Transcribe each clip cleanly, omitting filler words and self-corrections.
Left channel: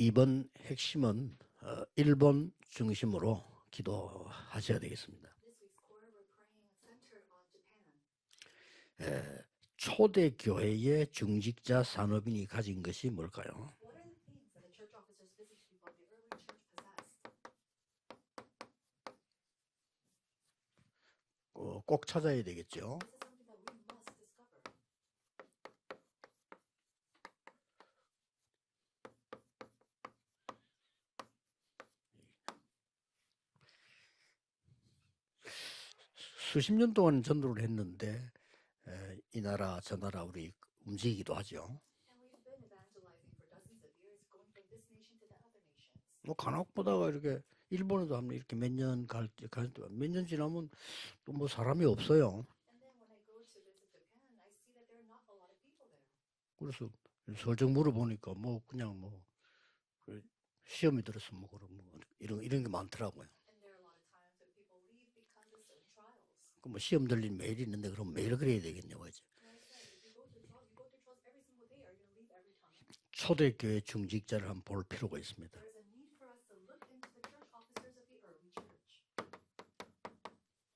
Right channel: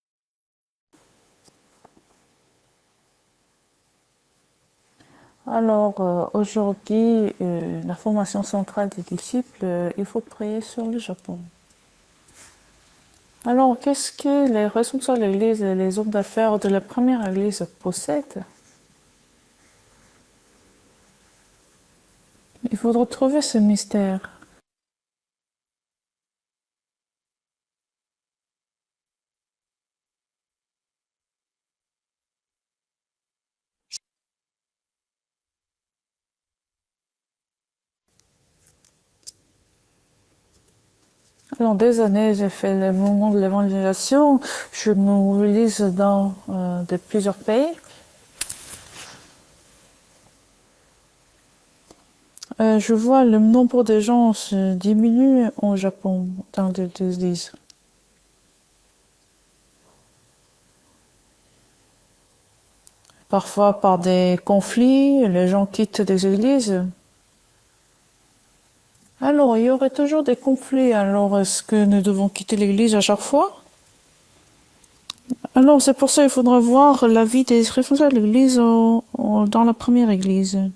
이번 핵심은 일본 중심으로 기도하셔야 되겠습니다. Alors, aujourd'hui, la formation centrale des disciples, il faut 초대 prier sur le 교회의 Japon. 중직자 산업인이 가진 것이 뭘까요? Alors, qu'est-ce que les responsables de l'Église et les hommes d'affaires de la première Église possèdent? 꼭 찾아야 Il 되겠죠. faudra trouver ce mystère. 수십 년 동안 전도를 했는데 이 나라 저 나라 우리 움직이기도 하죠. Pendant des années, j'ai fait le mouvement de l'évangélisation. Je me mobilise dans de plusieurs pays. 일본에도 하면 몇년 지나면 뭐 사람이 없어요. Je vois le nombre de gens se diminue au Japon dans les églises. 결정물을 보니까 뭐 그냥 뭐 시험이 들어서 뭐 이런 게 많더라고요. Parfois, par des conflits, les gens quittent des églises. 시험 들린 메일이 있는데 그럼 매일 그래야 되겠냐고. Alors, il y aurait toujours des conflits. Alors, est-ce que nous devons quitter l'église à chaque fois? 초대교회 중직자를 한번 볼 필요가 있습니다. Alors, c'est pour ça qu'il faudra voir la vie des responsables de l'église dans la première église.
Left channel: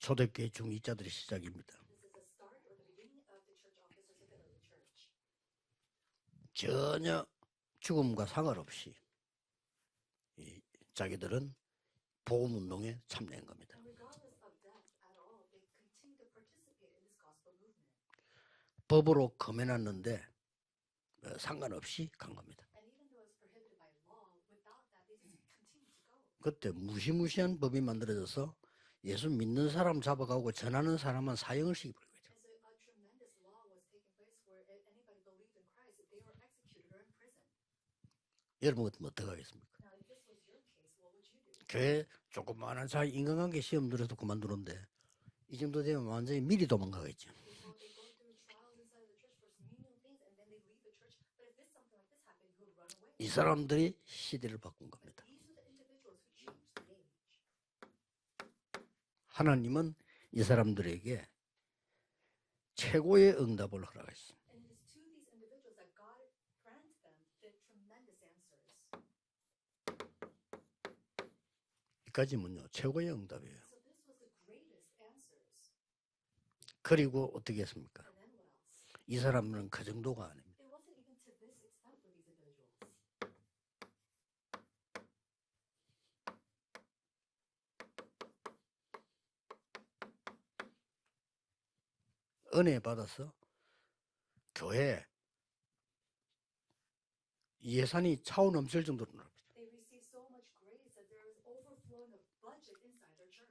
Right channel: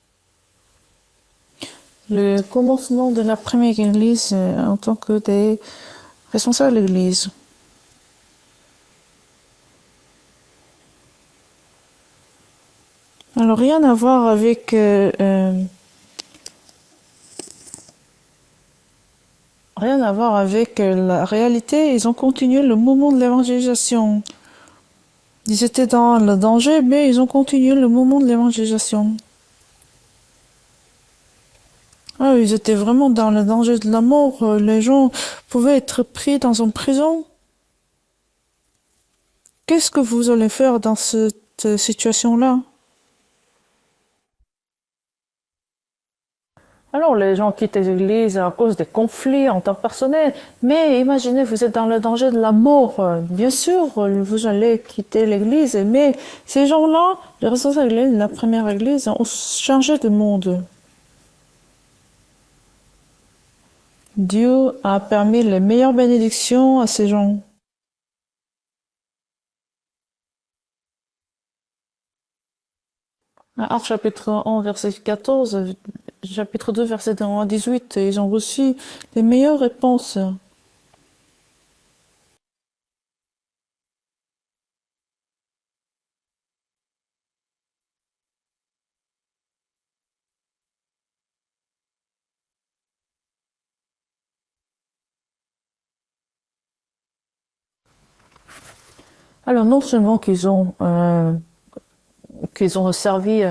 초대교회 중직자들의 시작입니다. Le commencement de la première église en tant que des responsables de l'église. 죽음과 상관없이 자기들은 복음 운동에 참여. Alors, rien à voir avec 법으로 금연하는 rien à voir avec la réalité. Ils ont continué le mouvement de l'évangélisation. Ils étaient dans le danger, mais ils ont continué le mouvement de l'évangélisation. 예수 믿는 사람 잡아가고 전하는 사람은 사형을 시키고. Ah, ils étaient vraiment dans le danger de la mort. Les gens pouvaient être pris dans une prison. 여러분 같으면 어떡하겠습니까? Qu'est-ce que vous allez faire dans cette situation-là? 많은 자 인간관계 시험 들어도 그만두는데 이 정도 되면 완전히 미리 도망가. Alors, les gens quittent les églises à cause des conflits interpersonnels. Mais imaginez, vous êtes dans le danger de la mort. Bien sûr, vous allez quitter l'église. Mais ces gens-là, les responsables de la première église, ont changé de 이 monde. 사람들에게 최고의 응답을 하라. Dieu a permis les meilleures bénédictions à ces gens. 여기까지면요 최고의 응답이에요. Actes chapitre 1, verset 14, chapitre 2, verset 1 à 18, ils ont reçu les meilleures réponses. 은혜 받아서 교회 예산이 차오 넘칠 정도로 Alors, non seulement qu'ils ont servi,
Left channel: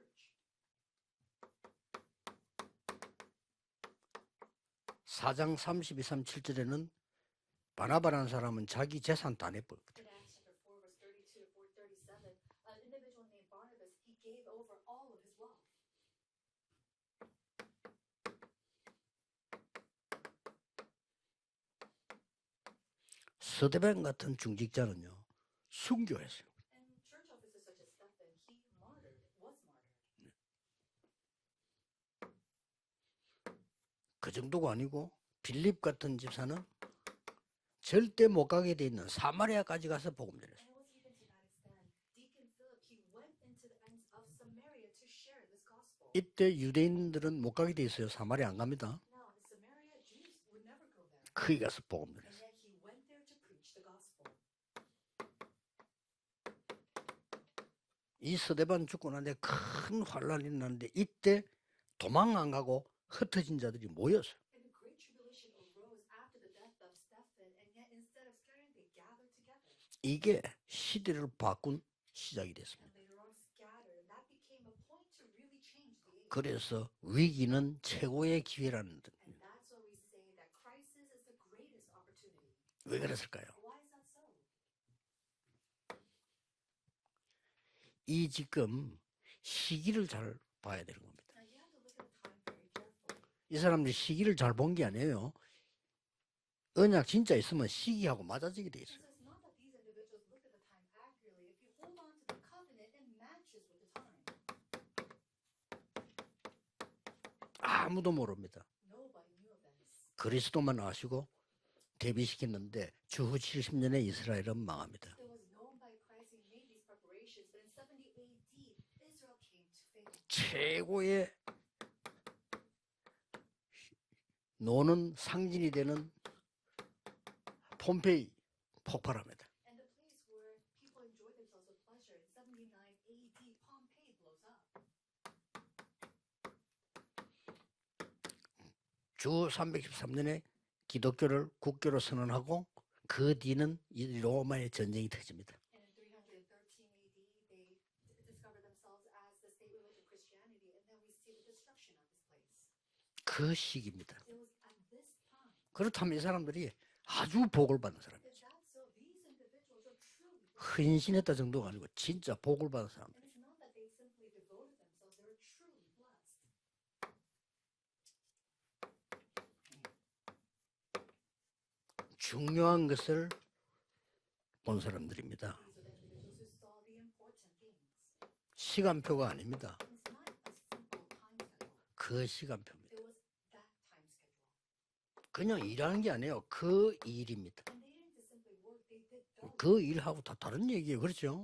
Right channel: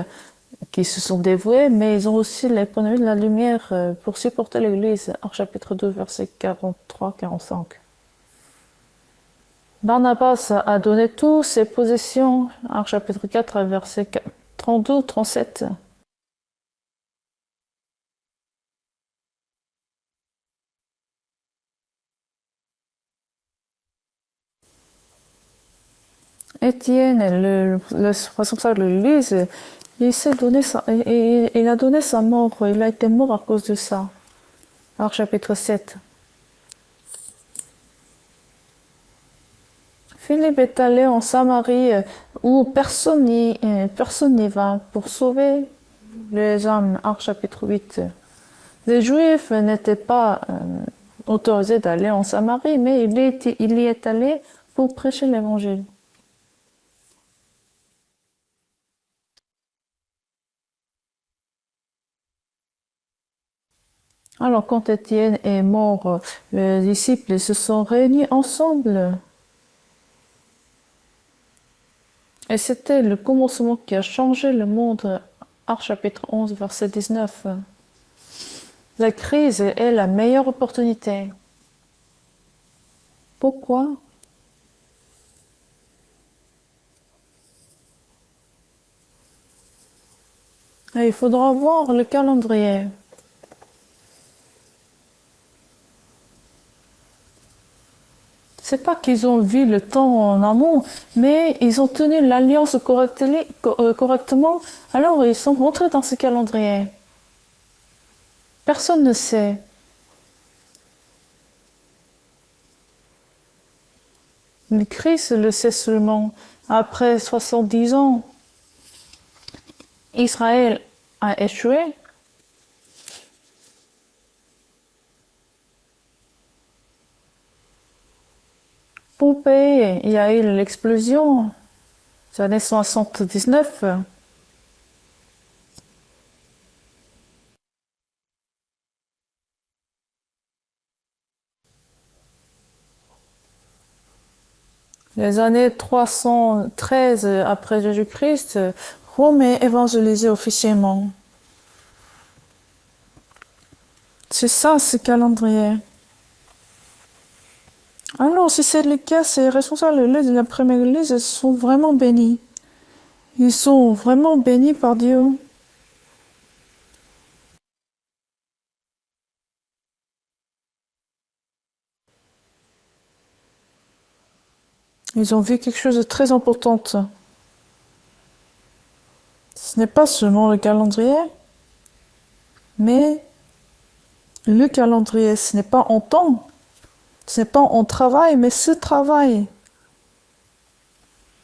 qu'ils se sont dévoués, mais ils ont aussi l'économie de la lumière pour supporter l'Église. Actes chapitre 2, verset 43-45. 바나바라는 사람은 자기 재산도 안 했고 Barnabas a donné toutes ses possessions. Actes chapitre 4, verset 32-37. 서대변 같은 중직자는요 순교했어요. Étienne, le responsable de l'Église, il a donné sa mort. Il a été mort à cause de ça. 그 정도가 아니고 Actes chapitre 빌립 7. 같은 집사는 절대 못 가게 돼 있는 사마리아까지 가서 Philippe est allé en Samarie où personne n'y va pour sauver les âmes. Actes chapitre 8. 사마리아 안 갑니다. Les Juifs n'étaient pas autorisés d'aller en Samarie, mais il y est allé pour prêcher l'évangile. 이 서대반 죽고 난 뒤에 큰 환란이 났는데 이때 도망 안 가고 흩어진 자들이 모였어요. Alors, quand Étienne est mort, les disciples se sont réunis ensemble. 이게 시대를 바꾼 시작이에요. Et c'était le commencement qui a changé le monde. Actes chapitre 11, verset 19. 위기는 최고의 기회라는. La crise est la meilleure opportunité. 왜 그랬을까요? Pourquoi? 이 지금 시기를 잘 봐야 돼요. Et il faudra voir le calendrier. 이 사람들이 시기를 잘 본 게 아니에요. 언약 진짜 있으면 시기하고 맞아지는 C'est pas qu'ils ont vu le temps en amont, mais ils ont tenu l'alliance correctement. Alors ils sont rentrés dans ce calendrier. 아무도 모릅니다. Personne ne sait. 그리스도만 아시고 데뷔시켰는데 주후 70년에 이스라엘은 Le Christ le sait seulement. Après 70 ans, Israël 최고의 a échoué. 노는 상징이 되는 폼페이 폭발. Pompée, il y a eu l'explosion. C'est l'année 79. 주 313년에 기독교를 국교로 선언하고 그 뒤는 이 로마의 전쟁이 펼쳐졌습니다. Les années 313 après Jésus-Christ, Rome est évangélisée officiellement. 그 시기입니다. C'est ça, ce calendrier. 그렇다면 이 사람들이 아주 복을 받았어요. Alors, si c'est le cas, ces responsables de l'église de la première église, ils sont vraiment bénis. 복을 받았어요. Ils sont vraiment bénis par Dieu. 중요한 것을 본 사람들. Ils ont vu quelque chose de très important. 시간표가 아닙니다. Ce n'est pas seulement le calendrier, 그 시간표. mais le calendrier, ce n'est pas en temps, 그 일, ce n'est pas en travail, mais ce travail. 그 일하고 다 다른 얘기예요. 그렇죠?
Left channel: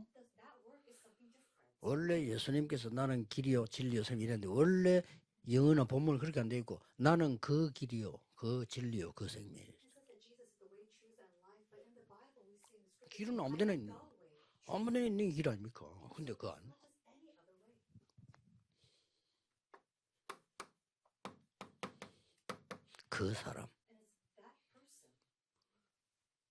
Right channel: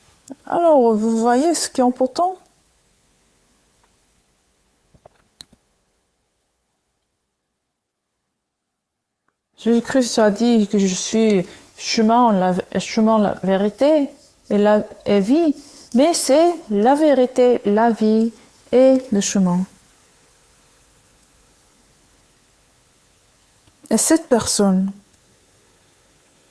Alors, vous voyez ce qui est 원래 important? 예수님께서 나는 길이요 진리요 생 이랬는데 원래 영어나 본문 그렇게 안 돼 있고 나는 그 길이요 그 진리요 그 생명. Jésus-Christ a dit que je suis chemin, la vérité et vie. Mais c'est la vérité, la vie et le chemin. 그 사람 Et cette personne,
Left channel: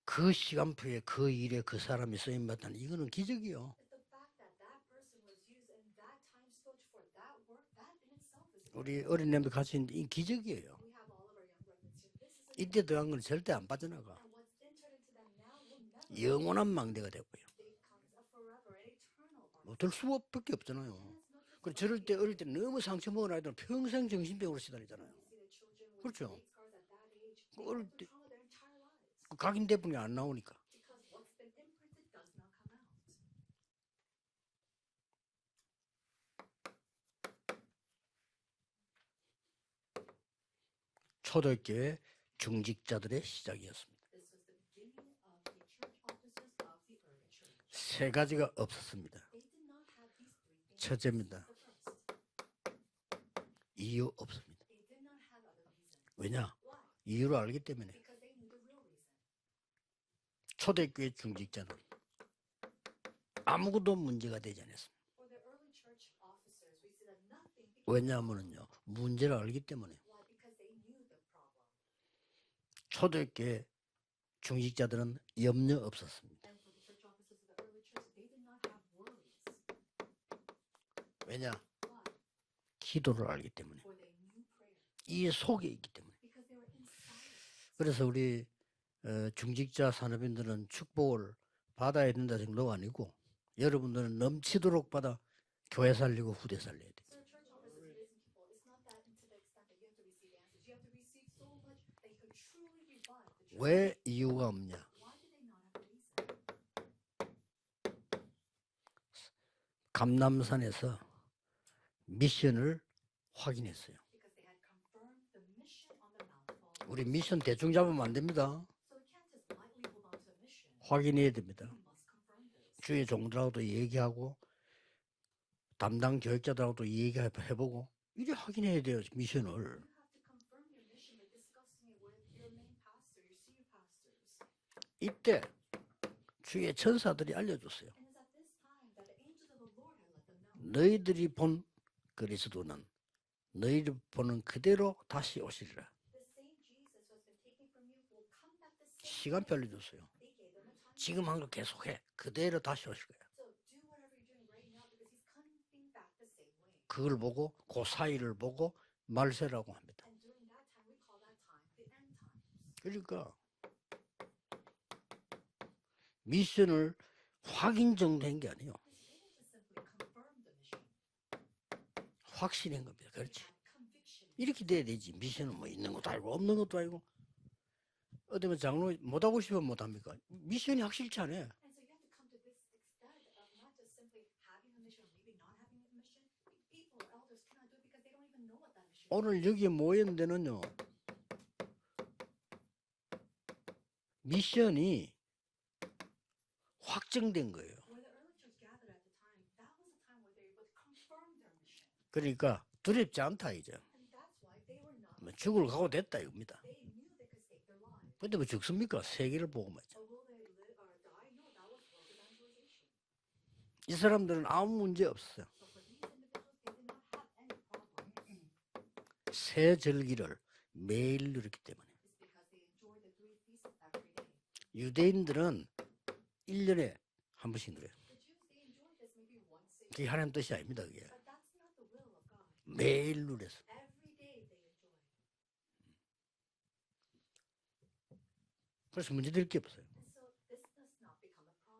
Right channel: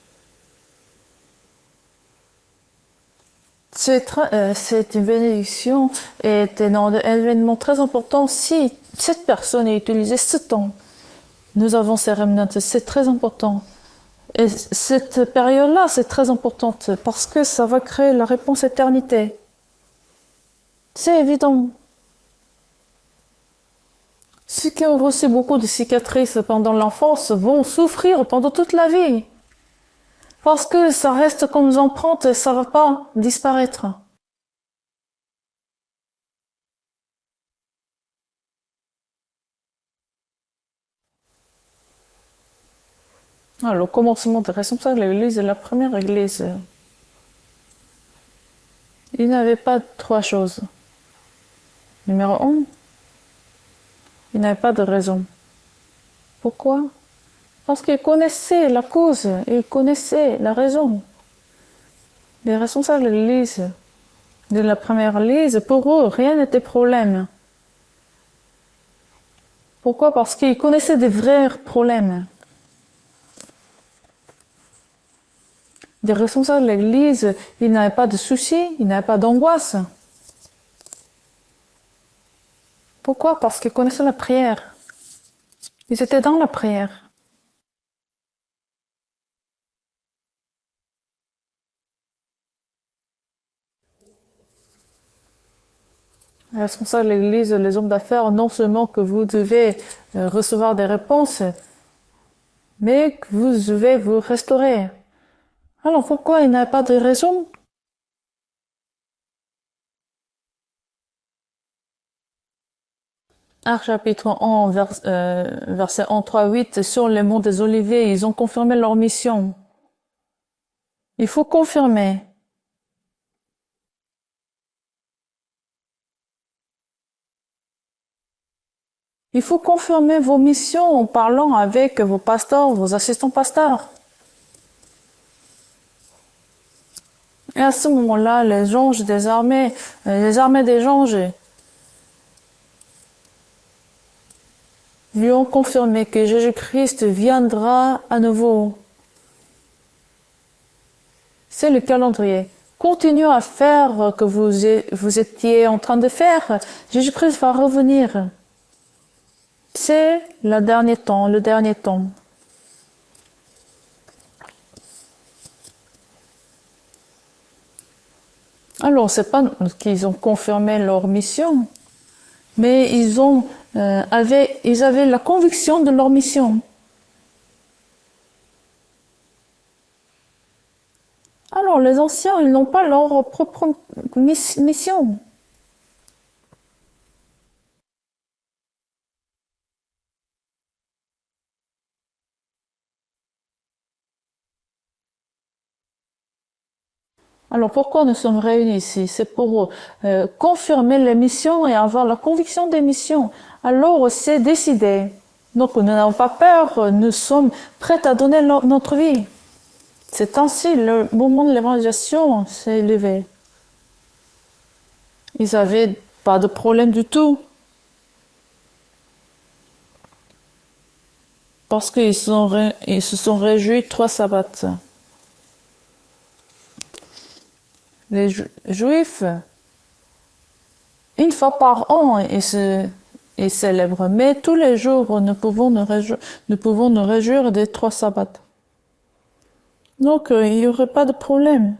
그 시간표에 그 일에 그 사람이 쓰임 받다니 이거는 기적이요. c'est une bénédiction et un événement très important si cette personne est utilisée ce temps. Nous avons ces remnants, c'est très important. Et cette période-là, c'est très importante parce que ça va créer la réponse éternité. 어떨 수밖에 없잖아요. C'est évident. 저럴 때 어릴 때 너무 상처 먹은 아이들 평생 정신병원 Ceux qui ont reçu beaucoup de cicatrices pendant l'enfance vont souffrir pendant toute la vie 각인 대풍이 안 나오니까 parce que ça reste comme des empreintes et ça ne va pas disparaître. 초대교회 중직자들의 시작. Le commencement des responsables de l'Église est la première Église. 세 가지가 없었습니다. Il n'avait pas trois choses. 첫째입니다. Numéro 1, 이유 없. il n'avait pas de raison. 왜냐? Pourquoi? 이유를 알기 Parce 때문에 qu'il connaissait la cause, il connaissait la raison. 초대교회 중직자들 Les responsables de l'Église, 아무도 문제가 되지. de la première Église, pour eux, rien n'était problème. 왜냐하면요 문제를 알기 때문에 Pourquoi? Parce qu'ils connaissaient des vrais problèmes. 초대교회 중직자들은 염려 없어. Des responsables de l'Église, ils n'avaient pas de soucis, ils n'avaient pas d'angoisse. 왜냐? Pourquoi? 기도가 Parce qu'ils connaissaient la prière. 이 속에 있기. Ils étaient dans la prière. 그래서 우리 중직자 산업인들은 축복을 받아야 된다 정도가 아니고 여러분들은 넘치도록 받아 교회 살리고 후대. Les responsables de l'Église, les hommes d'affaires, non seulement que vous devez recevoir des réponses, mais que vous devez vous restaurer. Alors pourquoi il n'y a pas de raison? 감남산에서 미션을 확인. Actes chapitre 1, verset 1, 3, 8, sur les monts des Oliviers, ils ont confirmé leur mission. 확인이 Il faut confirmer. 주의 종들하고도 얘기하고 담당 교육자들하고도 얘기해보고 이래 확인해야 돼요. 미션. Il faut confirmer vos missions en parlant avec vos pasteurs, vos assistants pasteurs. 이때 주의 천사들이 알려. Et à ce moment-là, les anges des armées, les armées des anges, 본 그리스도는 너희를 보는 그대로 lui ont confirmé que Jésus-Christ viendra à nouveau. 시간표 알려줬어요. 지금 한 거. C'est le calendrier. Continuez à faire que vous étiez en train de faire. Jésus-Christ va revenir. 보고 말세라고. C'est le dernier temps, le dernier temps. 그러니까 미션을 확인 정도한 게 아니에요. Alors, c'est pas qu'ils ont confirmé leur mission, 확신. mais ils avaient la conviction de leur mission. 것도 아니고 어쩌면 장로 못 하고 싶으면 못 합니까? 미션이 확실치 않아요. Alors, les anciens, ils n'ont pas leur propre mission. 오늘 여기에 모인 데는요. 미션이 확정된 거예요. Alors pourquoi nous sommes réunis ici? C'est pour confirmer les missions et avoir la conviction des missions. Alors c'est décidé. Donc nous n'avons pas peur, nous sommes prêts à donner notre vie. 얘기를 보고 C'est ainsi, le moment de l'évangélisation s'est élevé. 이 사람들은 아무 문제 없어. Ils n'avaient pas de problème du tout. 새 절기를 매일 누리기 때문에 Parce ils se sont réjouis 3 sabbats. 유대인들은 1년에 한 번씩 그래요. Les Juifs, 그게 하나님 뜻이 아닙니다. 그게. une fois par an, 매일 누리기. ils célèbrent. Mais tous les jours, nous pouvons nous réjouir des 3 sabbats. 그래서 문제될 게 없어요. Donc, il n'y aurait pas de problème.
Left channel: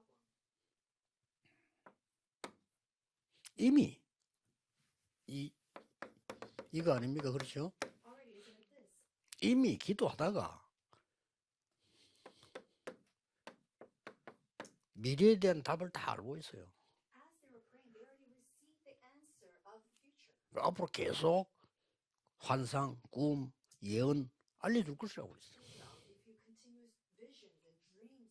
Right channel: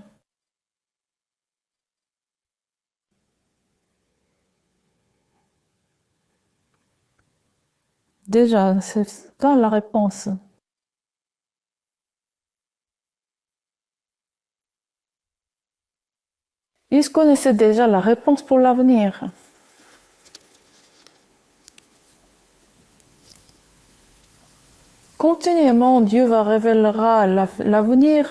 이미 이거 아닙니까? 그렇죠? Déjà, c'est ça la 이미 réponse. 기도하다가 미래에 대한 답을 다 알고 있어요. Ils connaissaient déjà la réponse pour l'avenir. 앞으로 계속 환상, 꿈, 예언 알려줄 것이요. Continuellement, Dieu va révélera l'avenir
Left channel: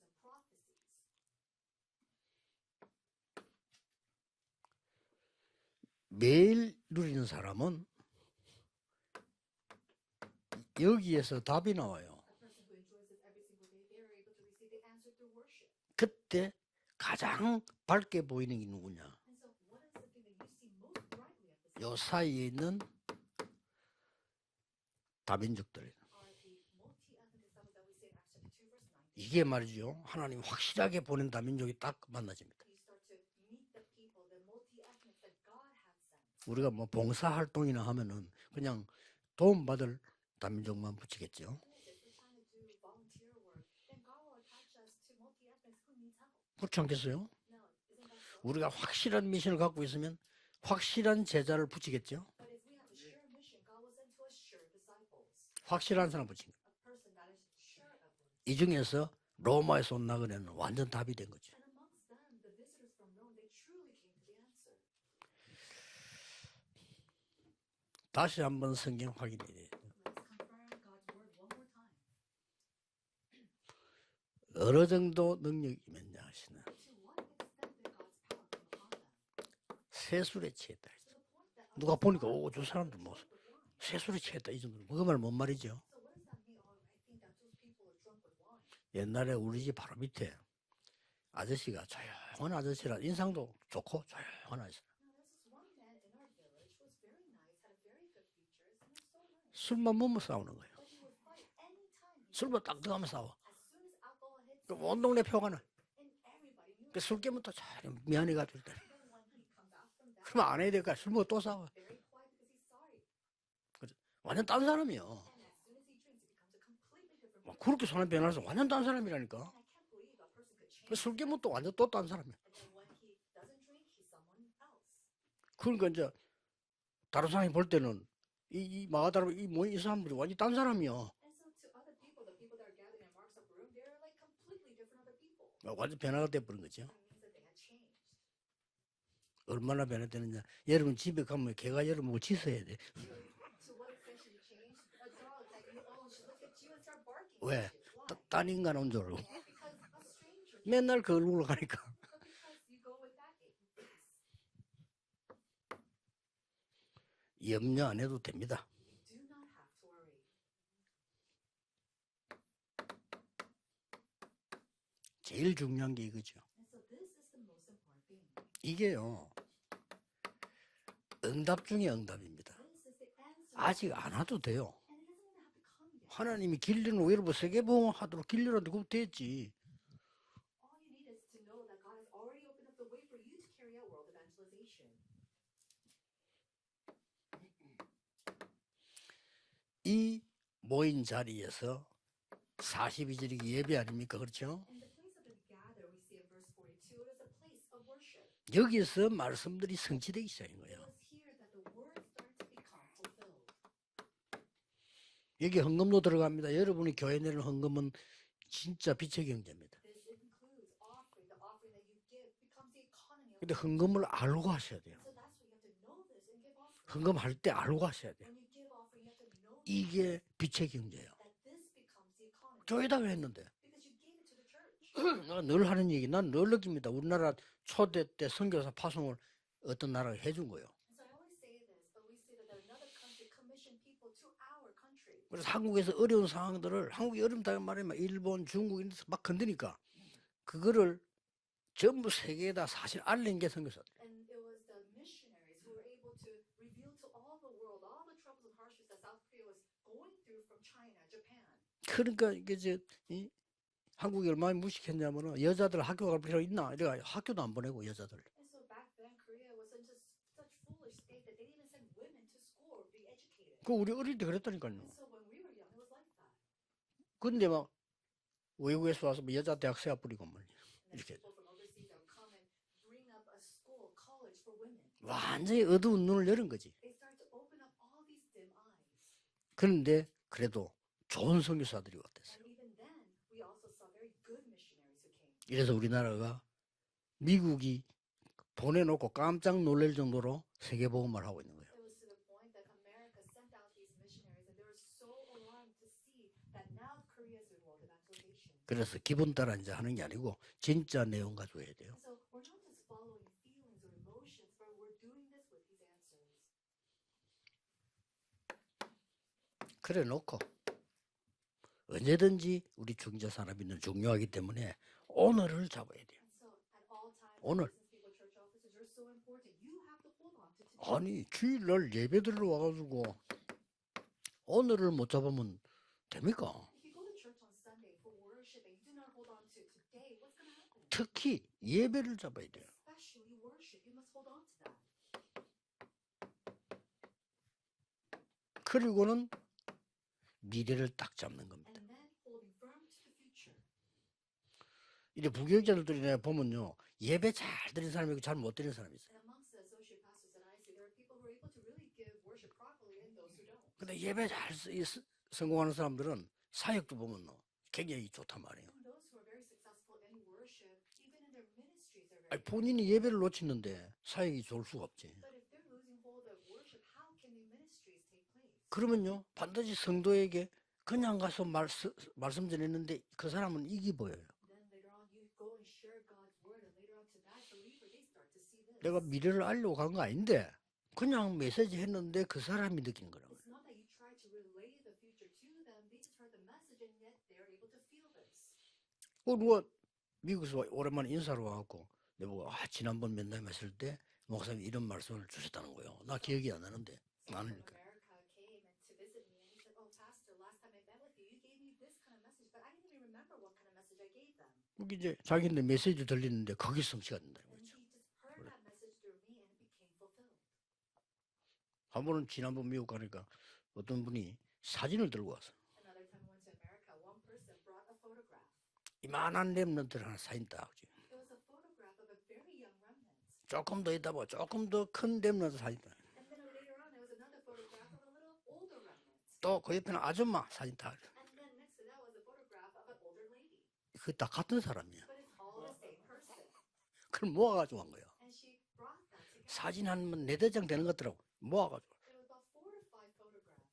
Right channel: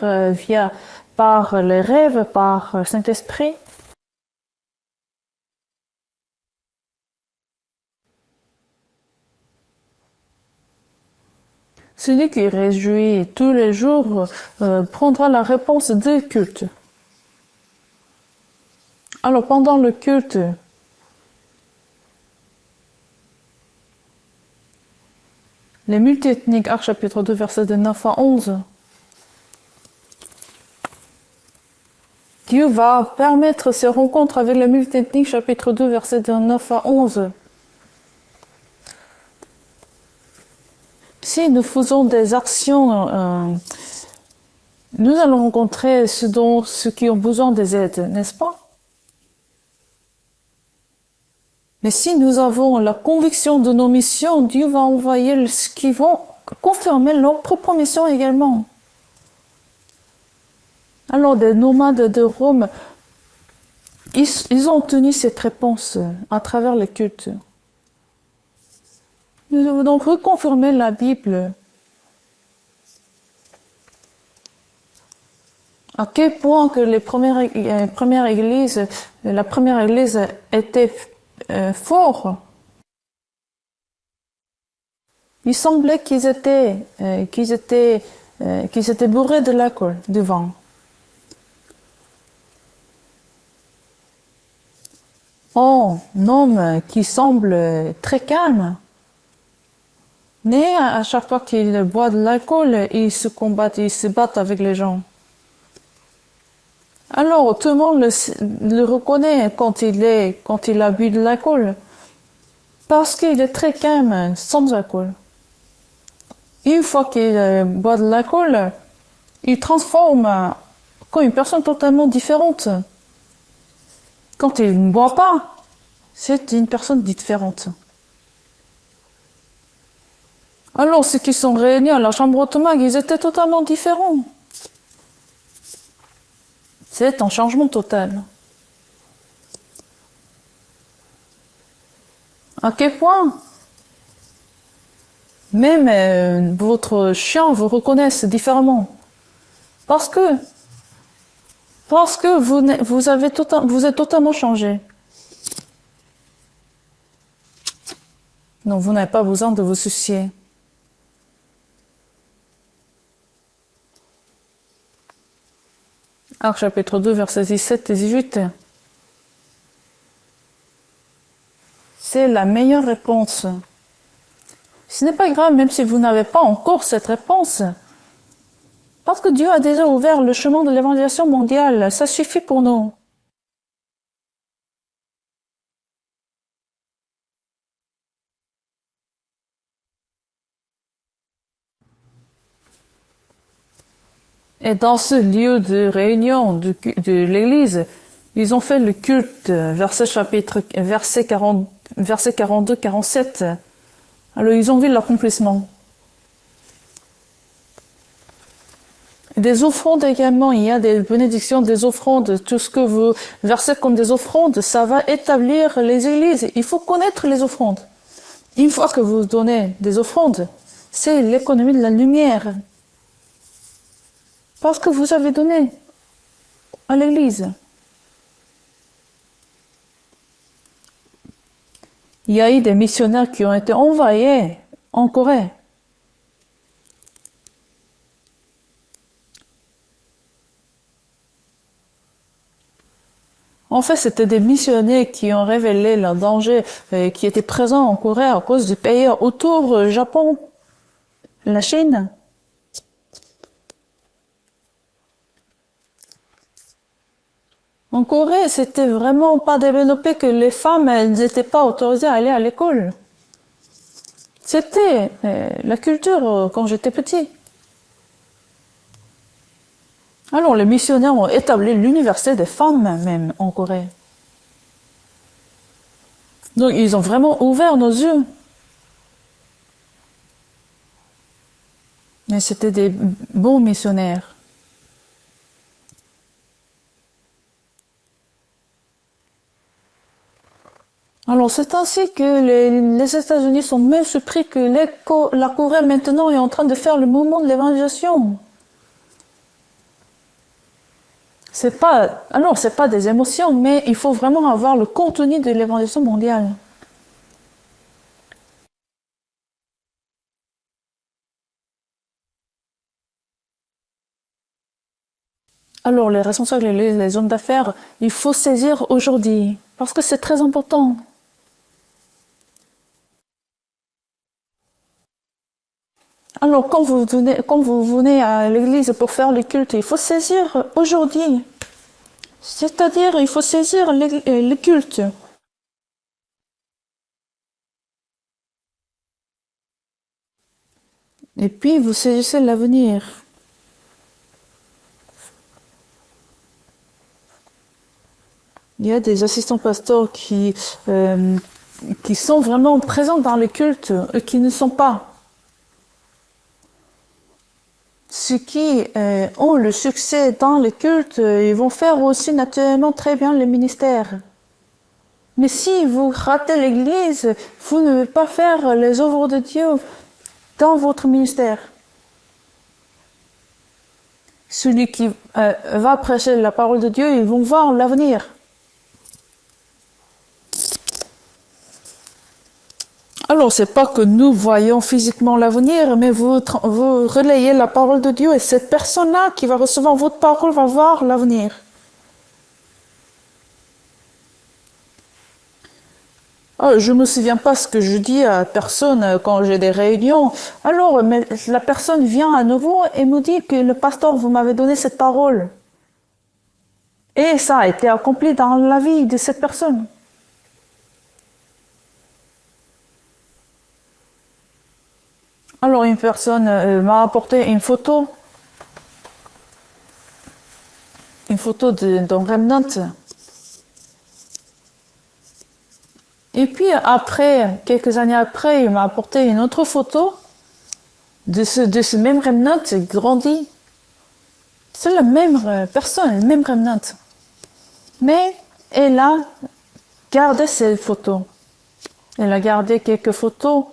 par les rêves, par le Saint-Esprit. 매일 누리는 사람은 여기에서 답이 나와요. Celui qui réjouit tous les jours prendra la réponse des cultes. 가장 밝게 보이는 게 누구냐? Alors pendant le culte, 요 사이에 있는 다민족들. les multiethniques, Actes chapitre 2, versets de 9 à 11, 이게 말이죠. 하나님 확실하게 보낸 다민족이 딱 만나죠. Dieu va permettre ces rencontres avec les multiethniques, chapitre 2, versets de 9 à 11. 활동이나 하면은 그냥 도움 받을 다민족만 붙이고 Si nous faisons des actions, nous allons rencontrer ceux qui ont besoin des aides, n'est-ce pas? 우리가 확실한 미션을 갖고 있으면 확실한 제자를 Mais 붙이고 si nous avons la conviction de nos missions, Dieu va envoyer ceux qui vont confirmer leur propre mission également. 이 중에서 로마에서 온 나그네는 완전 답이. Alors, des nomades de Rome, ils ont obtenu cette réponse à travers les cultes. 다시 한번 성경 확인. Nous devons donc reconfirmer la Bible. 어느 정도 능력. À quel point que la première église était forte. 저 사람들 뭐 새소리 치겠다 이 정도. 그거 말못 Il 말이. semblait qu'ils étaient bourrés de l'alcool, du vin. 아저씨가 조용한 아저씨라 인상도 좋고 조용한 아저씨. Oh, un homme qui semble très calme. 술만 먹으면 싸워. Mais à chaque fois qu'il boit de l'alcool, il se combat, il se bat avec les gens. 온 동네 표가 나. 그 술- Alors, tout le monde le reconnaît quand il a bu de l'alcool. Parce qu'il est très calme, sans alcool. Une fois qu'il boit de l'alcool, 딴 사람이라니까. il transforme comme une personne totalement différente. Quand il ne boit pas, 그러니까 이제 c'est une personne 다른 사람이 différente. 볼 때는 이 마가다라 이 사람들이 완전 딴 사람. Alors, ceux qui sont réunis à la chambre ottomane, ils étaient totalement différents. 완전 변화가 돼 버린 거죠. C'est un changement total. 얼마나 변화되느냐. 여러분 집에 가면 개가 여러분 짖어요. À quel point même votre chien vous reconnaisse différemment. Parce que 맨날 그 얼굴을 가니까 vous êtes totalement changé. 염려 안 해도 됩니다. Donc vous n'avez pas besoin de vous soucier. 제일 중요한 게 이거죠. Actes chapitre 2, versets 17 et 18. 이게요. 응답 중에 응답. C'est la meilleure réponse. 아직 안 와도 돼요. Ce n'est pas grave même si vous n'avez pas encore cette réponse. Parce que Dieu a déjà ouvert le chemin de l'évangélisation mondiale. Ça suffit pour nous. 이 모인 자리에서 42절이 예배 아닙니까? 그렇죠? Et dans ce lieu de réunion de l'Église, ils ont fait le culte, verset 42-47. Alors ils ont vu l'accomplissement. 이게 헌금도 들어갑니다. 여러분이 교회 내는 헌금은 진짜 빛이에요. Des offrandes également, il y a des bénédictions, des offrandes, tout ce que vous versez comme des offrandes, ça va établir les églises. Il faut connaître les offrandes. Une fois que vous donnez des offrandes, c'est l'économie de la lumière. 교회다 그랬는데 Parce que vous avez 뭘 donné 하는 얘기 난 늘 느낍니다. à l'église. 우리나라 초대 때 선교사 파송을 어떤 나라가 해준 거예요. Il y a eu des missionnaires qui ont été envoyés en Corée. 한국에서 어려운 상황들을 한국이 어렵다는 말에 막 일본, 중국 이런 데서 막 건드니까 그거를 전부 세계에다 사실 알린 게 선교사. En fait, c'était des missionnaires qui ont révélé le danger qui était présent en Corée à cause du pays autour, Japon, la Chine. 그러니까 이게 한국이 얼마나 무식했냐면은 여자들 학교 갈 필요 있나? 이래가 학교도 안 보내고 En Corée, c'était vraiment pas développé que les femmes, elles n'étaient pas autorisées à aller à l'école. 그 우리 어릴 때 그랬다. C'était la culture quand j'étais petit. 근데 막 외국에서 와서 뭐 여자 대학 세아 뿌리고 Alors, les missionnaires ont établi l'université des femmes même en Corée. 완전히 어두운 눈을 열은 거예요. Donc, ils ont vraiment ouvert nos yeux. 그런데 그래도 좋은 선교사들이 왔대. Mais c'était des bons missionnaires. 이래서 우리나라가 미국이 보내놓고 깜짝 놀랄 정도로 세계복음을 하고 Alors, c'est ainsi que les États-Unis sont même surpris que la Corée maintenant est en train de faire le mouvement de l'évangélisation. 그래서 기분 따라 이제 하는 게 아니고 진짜 내용 같은. C'est pas des émotions, mais il faut vraiment avoir le contenu de l'évangélisation mondiale. 그래 놓고 언제든지 우리 중재 산업인은 중요하기 때문에 오늘을 잡고 Alors, les responsables et les hommes d'affaires, il faut saisir aujourd'hui, parce que c'est très important. 아니 주일날 예배드리러 와가지고 오늘을 못 잡으면 됩니까? Alors, quand vous venez à l'église pour faire le culte, il faut saisir aujourd'hui. 예배를 잡아야 돼. C'est-à-dire, il faut saisir le culte. 그리고는 미래를 딱 잡는. Et puis, vous saisissez l'avenir. 이제 부교육자들이 내가 보면요 예배 잘 드리는 사람이고 잘 못 드리는 Il 사람. y a des assistants pasteurs qui sont vraiment présents dans le culte et qui ne sont pas. 성공하는 사람들은 사역도 보면 굉장히 Ceux qui ont le succès dans le culte, ils vont faire aussi naturellement très bien le ministère. 사역이 좋을 수가 없지. Mais si vous ratez l'église, vous ne pouvez pas faire les œuvres de Dieu 성도에게 dans votre ministère. 말씀 전했는데 그 사람은 이기 보여. Celui qui va prêcher la parole de Dieu, ils vont voir l'avenir. 내가 미래를 알려고 간 거 아닌데 그냥 메시지 했는데 그 사람이 느낀 거야. Alors, c'est pas que nous voyons physiquement l'avenir, mais vous relayez la parole de Dieu et cette personne-là qui va recevoir votre parole va voir l'avenir. 그리고 지난번 면담 갔을 때 목사님 이런 말씀을 주시다는 거예요. 나 기억이 안 나. Je ne me souviens pas ce que je dis à personne quand j'ai des réunions. Alors, mais la personne vient à nouveau et me dit que le pasteur, vous m'avez donné cette parole. 근데 메시지 들리는데 거기 성취가 Et ça a été accompli dans la vie de cette personne. 한 번은 지난번 미국 가니까 어떤 분이 사진을 들고 왔어. Alors, une personne m'a apporté une photo 만한 렘넌트를 사진다. une photo d'un remnant. 조금 더 있다 보고 조금 더 큰 렘넌트 사진. Et puis après, quelques années après, il m'a apporté une autre photo 아줌마 사진다. de ce même remnant grandi. 그다 같은 사람. C'est la même personne, le même remnant. 그걸 모아가지고 Mais elle a 사진 한 gardé ces photos. 모아가지고 Elle a gardé quelques photos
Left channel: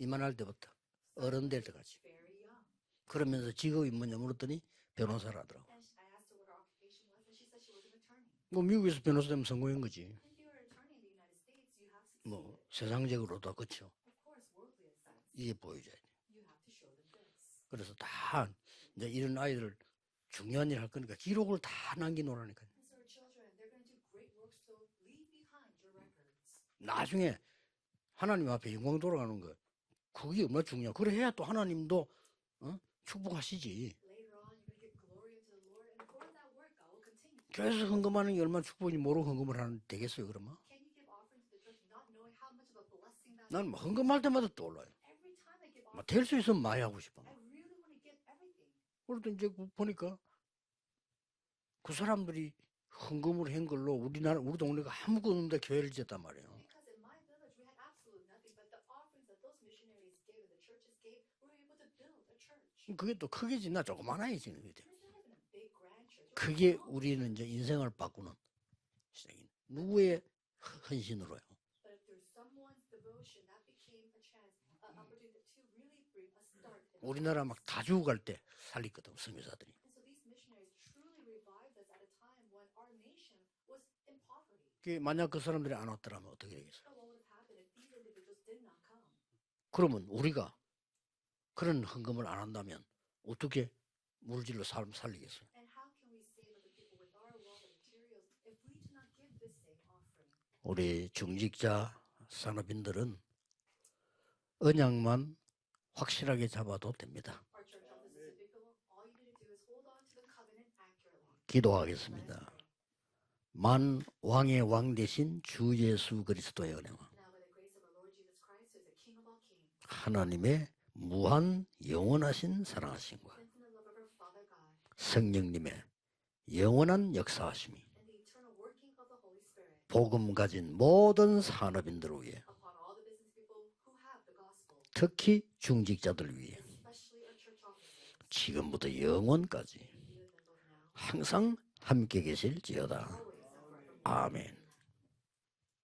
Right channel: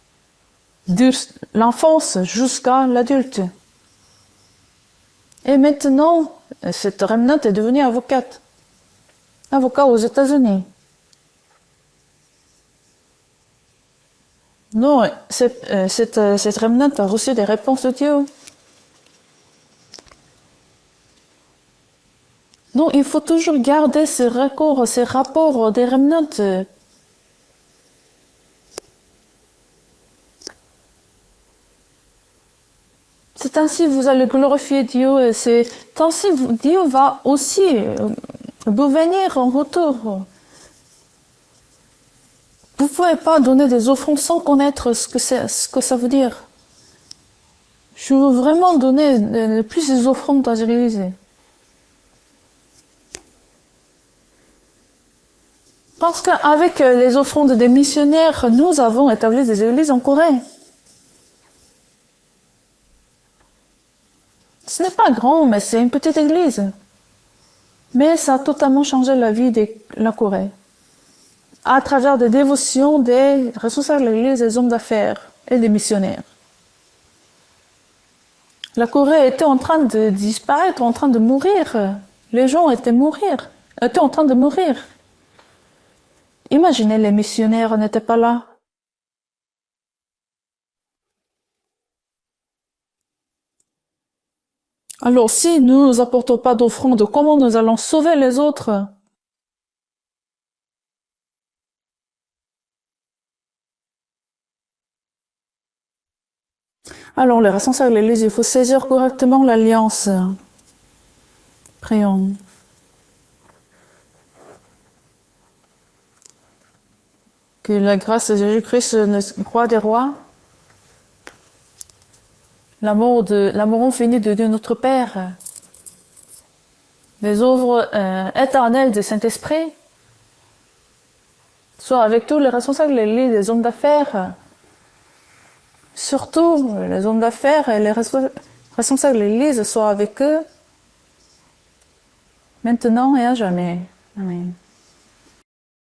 이만할 때부터 de l'enfance jusqu'à l'adulte. 직업이 뭐냐 물었더니 변호사라. Et maintenant, cette remnant est devenue avocate. 뭐 미국에서 변호사 되면 Avocat aux États-Unis. 뭐 세상적으로도 그렇죠. Non, cette remnant a reçu des réponses de Dieu. 한 이제 이런 아이들 중요한 일 할 거니까 기록을 다 남겨놓으라니까. Non, il faut toujours garder ces records, ces rapports des remnants. 나중에 하나님 앞에 영광 돌아가는 거 그게 얼마나 중요해. 그래 해야 또 하나님도 축복하시고 C'est ainsi que vous allez glorifier Dieu et c'est ainsi que Dieu va aussi vous venir en retour. Vous ne pouvez pas donner des offrandes sans connaître ce que ça veut dire. 그래서 많이 하고 싶어. Je veux vraiment donner plus des offrandes à l'église. 그 사람들이 헌금을 한 걸로 우리 동네가 아무것도 없는데 교회를 지어. Parce qu'avec les offrandes des missionnaires, nous avons établi des églises en Corée. 그게 또 크게지 나 조그마하지. Ce n'est pas grand, mais c'est une petite église. 우리는 이제 인생을 Mais ça a totalement changé la vie de la Corée. 헌신으로 à travers des dévotions des responsables de l'Église, des hommes d'affaires et des missionnaires. 우리나라 막 다 죽어갈 때 La Corée était en train de disparaître, en train de mourir. Les gens étaient en train de mourir. 만약 그 사람들이 안 왔더라면 Imaginez, les missionnaires n'étaient pas là. 그러면 우리가 그런 헌금을 안 한다면 어떻게 물질로 삶 Alors, si nous n'apportons pas d'offrande, comment nous allons sauver les autres? 우리 중직자 산업인들은 언약만 확실하게 잡아도 Alors, les responsables de l'Église, il faut saisir correctement l'alliance. 기도하고 Prions. 만 왕의 왕 대신 주 예수 그리스도의 은혜 Que la grâce de Jésus-Christ, le roi des rois, 하나님의 무한 영원하신 사랑 l'amour infini de Dieu notre Père, 성령님의 영원한 les 역사 œuvres éternelles du Saint-Esprit, 복음 가진 모든 산업 soient avec tous les responsables de l'Église, les hommes d'affaires, 특히 중직자 surtout les hommes d'affaires et les responsables de l'Église soient avec eux 항상 함께 계실 maintenant et à jamais. Amen.